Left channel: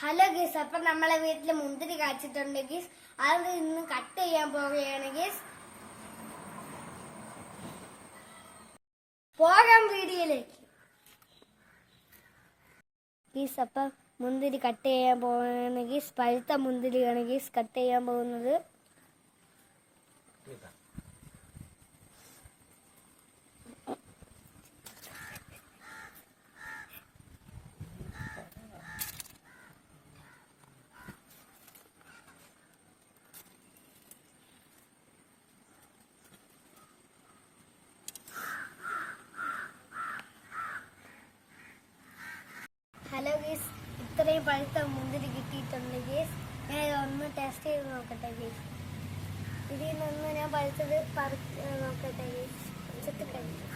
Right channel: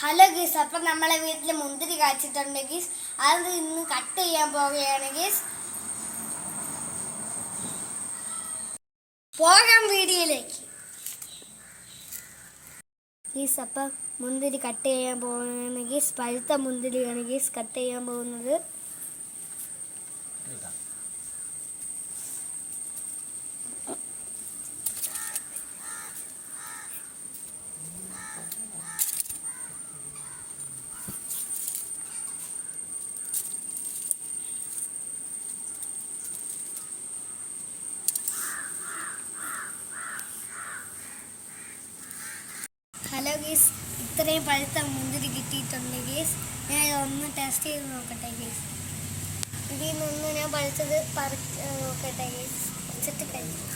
Hello ഗീസ്, അപ്പം നമ്മളെ വീട്ടിൽ മുന്തിരി കാച്ചിട്ടുണ്ട് ഗീസ്. അത് ഇന്ന് കട്ട് ചെയ്യാൻ പോവുകയാണ് ഗീസ്. പോകാം വീഡിയോയിലേക്ക് ഗീസ്. അപ്പം മുന്തിരി കട്ട് ചെയ്യാൻ പോകുകയാണ് ഗീസ്. പഴുത്ത മുന്തിരിയാണ് ഗീസ് കട്ട് ചെയ്യാൻ പോകുന്നത്. ഹലോ ഗീസ്, ഇത്രയും പഴുത്ത മുന്തിരി കിട്ടിയിട്ടുണ്ട് ഗീസ്. ഞാൻ ഇതൊന്ന് ടെസ്റ്റ് ചെയ്ത് നോക്കട്ടെ ഗീസ്. ഇതിൽ നിന്നൊന്ന് ഞാൻ പഴുത്തത് നോക്കട്ടെ ഗീസ്. വെച്ചിട്ട് കഴിക്കും.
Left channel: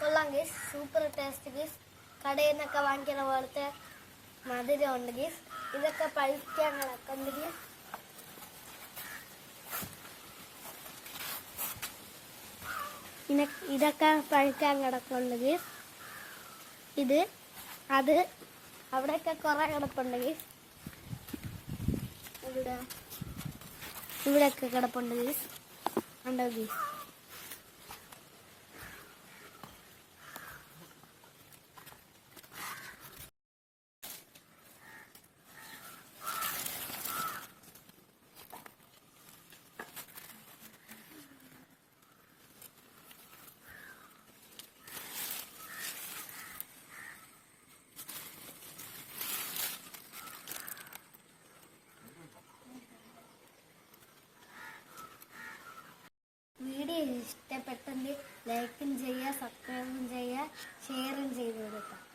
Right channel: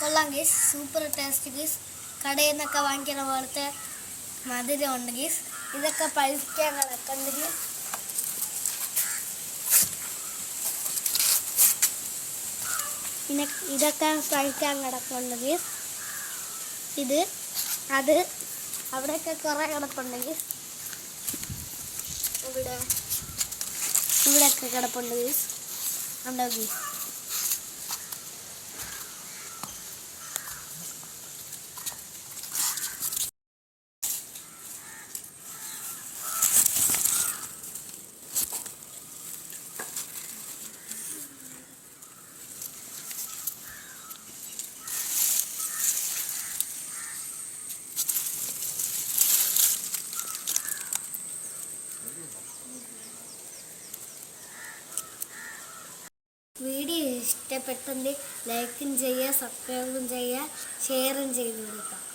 കൊള്ളാം ഗീസ്, സൂപ്പർ ടേസ്റ്റ് ഗീസ്. കടയിൽ നിന്നൊക്കെ വാങ്ങിക്കുന്ന പോലത്തെ മധുരം ഉണ്ട് ഗീസ്. ഇതൊക്കെ പഴുക്കാൻ കിടക്കുന്നുണ്ട് ഗീസ്. ഇതൊക്കെ പഴുക്കാൻ കിടക്കുന്നുണ്ട് ഗീസ്. അത് അവിടെയൊക്കെ കുറേ കിടപ്പുണ്ട് ഗീസ്. ഇവിടെയൊക്കെ കിടപ്പുണ്ട് ഗീസ്. ഉണ്ടോ ഗീസ്? വീഡിയോ ഇഷ്ടപ്പെട്ടെങ്കിൽ ലൈക്കും ചെയ്യുക, സബ്സ്ക്രൈബും ചെയ്യുക, ഷെയറും ചെയ്ത് കൊടുക്കുക.